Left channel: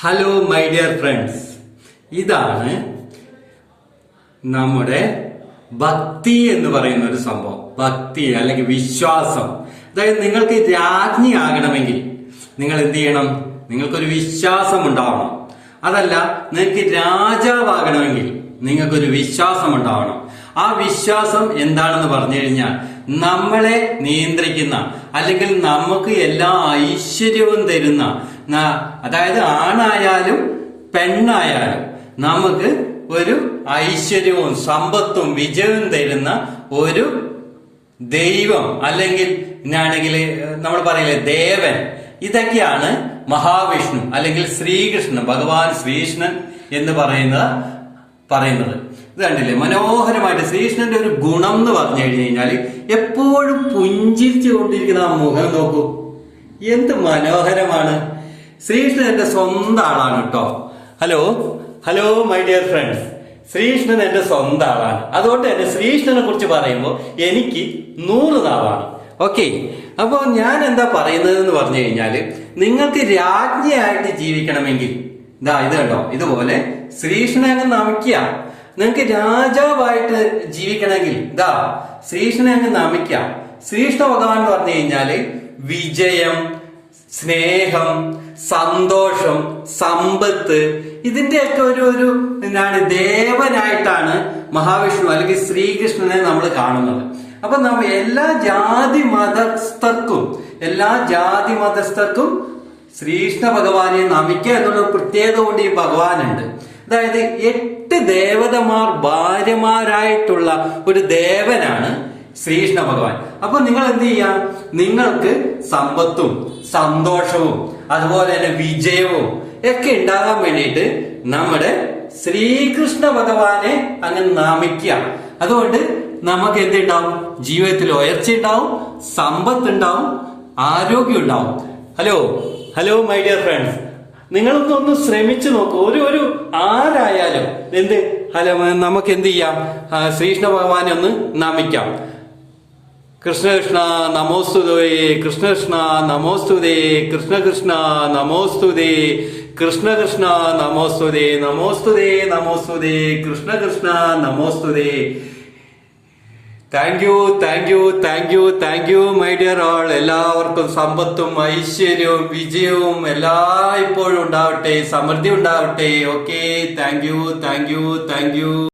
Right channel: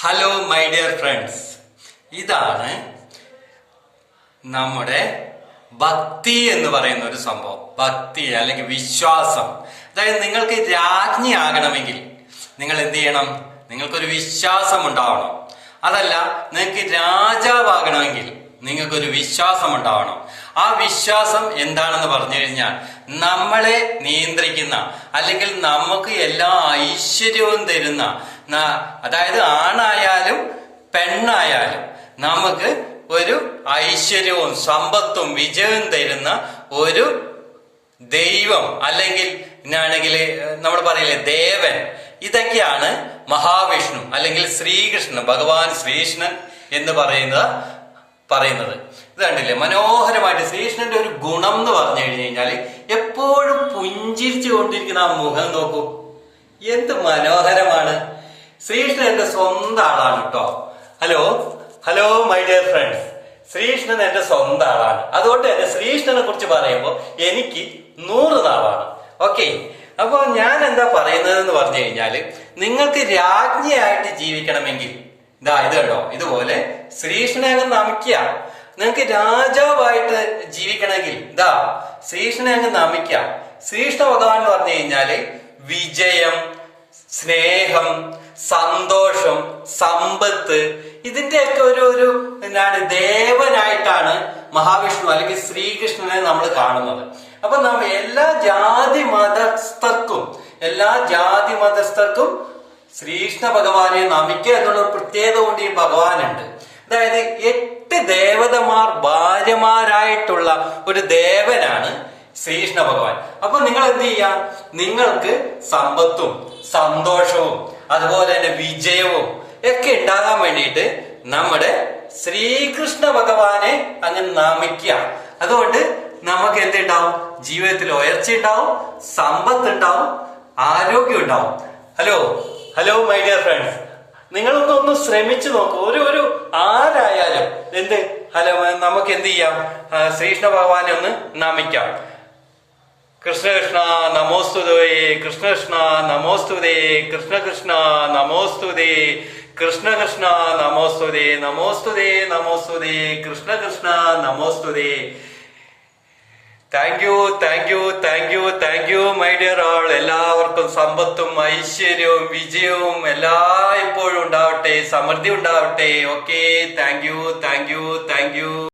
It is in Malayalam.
ഹലോ മൈ ഡിയർ ഫ്രണ്ട്സ് ഇതാണ് നമ്മുടെ ഭക്തി എന്ന് പറയുന്ന ഒരു സംഭവം. ഭക്തി അല്ലെങ്കിൽ വിശ്വാസം. അതായത് നിങ്ങൾക്ക് രാജ്ഞിയാകണമെങ്കിൽ നിങ്ങൾ എന്ത് ചെയ്യണം? നിങ്ങൾക്കൊരു വിശ്വാസം ഉണ്ടാവണം. അതല്ല നിങ്ങൾക്ക് രാജാവാകണമെങ്കിൽ നിങ്ങൾക്കൊരു വിശ്വാസം ഉണ്ടാവണം ആ വിശ്വാസം എന്താണെന്ന് പറഞ്ഞു കഴിഞ്ഞാൽ നമ്മളെ നിയന്ത്രിക്കുന്ന അല്ലെങ്കിൽ നമുക്ക് എല്ലാ ഐശ്വര്യവും തരുന്ന അതായത് ആണായാലും പെണ്ണായാലും നമുക്ക് ഒരു ഐശ്വര്യവും സമ്പത്തും വിജയവും തരുന്ന ഒരു ദൈവം അല്ലെങ്കിൽ ആണെങ്കിൽ നമ്മൾ പറയില്ലേ ദേവൻ. ഇതൊക്കെയാണ് മഹാവിഷ്ണു അല്ലെങ്കിൽ ശ്രീകൃഷ്ണൻ ഭഗവാൻ ശ്രീകൃഷ്ണൻ എന്ന് പറയുന്നത് പറയുന്നത്. ഇത് കണ്ടില്ലേ? മനോഹരമായിട്ട് ശ്രീകൃഷ്ണന്റെ ഒരു ഗുണം എന്ന് പറഞ്ഞു കഴിഞ്ഞു കഴിഞ്ഞാൽ എപ്പോഴും പുഞ്ചിരിച്ചു കൊണ്ടിരിക്കുന്ന ആ മുഖം നോക്കൂ. എന്ത് മനോഹരമാണ്. ശ്രീകൃഷ്ണൻ എന്റെ സ്വന്തം ആളാണ് കേട്ടോ hello? Hello my dear friends Sreekrishnan എന്റെ സ്വന്തം ആളാണ്. അതുകൊണ്ട് തന്നെ ശ്രീകൃഷ്ണനെ കുറിച്ച് പറയുമ്പോൾ എനിക്ക് നൂറ് നാവാണ്. ഓക്കെ? അപ്പോൾ ഞാൻ എന്താ പറയുന്നത് എന്ന് പറഞ്ഞു കഴിഞ്ഞാൽ നിങ്ങൾക്ക് രാജ്ഞിയായിട്ട് ജീവിക്കണമെങ്കിൽ ഇതാ ഇത് കേട്ടോ ഇതുപോലെ ശ്രീകൃഷ്ണനെ നമിക്കുക നിങ്ങൾക്ക് രാജാവായിട്ട് ജീവിക്കണമെങ്കിൽ ഇതാ ശ്രീകൃഷ്ണനെ അങ്ങ് നമിക്കുക ശ്രീകൃഷ്ണ ഭഗവാൻ എന്ന് പറഞ്ഞു കഴിഞ്ഞാൽ വിജയം സ്നേഹം സന്തോഷം സമ്പത്ത് ഇതിന്റെയൊക്കെ ഒരു ഒരു എന്താണ് ദേവനായിട്ടാണ് മഹാവിഷ്ണു അല്ലെങ്കിൽ ശ്രീകൃഷ്ണനെ നമ്മൾ കാണുന്നത്. അപ്പൊ നമ്മ എല്ലാ ജാതി മതസ്ഥർക്കും എല്ലാ ജാതി മതസ്ഥർക്കും ശ്രീകൃഷ്ണ ഭഗവാനെ നമിക്കുക എന്നുള്ള പ്രത്യേകത കൊണ്ട് ഈ ഭഗവാനുണ്ട്. അതായത് എട്ട് ദേവതമാർ ഭാര്യമാരായിട്ടുള്ള ഒരു ദേവനാണ് ശ്രീകൃഷ്ണ ഭഗവാൻ അപ്പൊ നിങ്ങൾ എന്ത് ചെയ്യാം? നിങ്ങൾക്ക് സമ്പത്തും സന്തോഷവും അതുപോലെ തന്നെ വിജയവും ഒക്കെ ഉണ്ടാകാൻ വേണ്ടിയിട്ട് നമ്മുടെ ശ്രീകൃഷ്ണ ഭഗവാനെ അങ്ങ് നമിക്കുക. അതുകൊണ്ട് നമുക്ക് എന്തുണ്ടാവും? ജീവിതത്തിൽ ഉയർച്ച ഉണ്ടാവും സമ്പത്ത് ഉണ്ടാവും ആരോഗ്യം ഉണ്ടാവും hello? Hello my dear friends നിങ്ങളൊന്ന് ഒന്ന് ശ്രമിച്ചു നോക്കൂ. ഒരു ഒരു ആരായാലും എന്ത്? ഹലോ നമുക്ക് എന്ത് ചെയ്യാം? ശ്രീകൃഷ്ണ ഭഗവാനെ ഒന്ന് നമിക്കാം. കൃഷ്ണകൃഷ്ണ കൃഷ്ണ നമോസ്തുതേ കൃഷ്ണകൃഷ്ണ കൃഷ്ണ നമോസ്തുതേ കൃഷ്ണകൃഷ്ണ കൃഷ്ണ നമോസ്തുതേ കൃഷ്ണകൃഷ്ണ കൃഷ്ണ നമോസ്തുതേ നമോസ്തുതേ നമോസ്തുതേ കൃഷ്ണകൃഷ്ണ കൃഷ്ണ നമോസ്തുതേ thank you thank you thank you thank you my dear all എല്ലാവർക്കും സമ്പത്തും ഐശ്വര്യവും വിജയവും എല്ലാ ഇപ്പോഴും ഉണ്ടാവട്ടെ സമൃദ്ധി ഉണ്ടാവട്ടെ. Okay thank you thank you thank you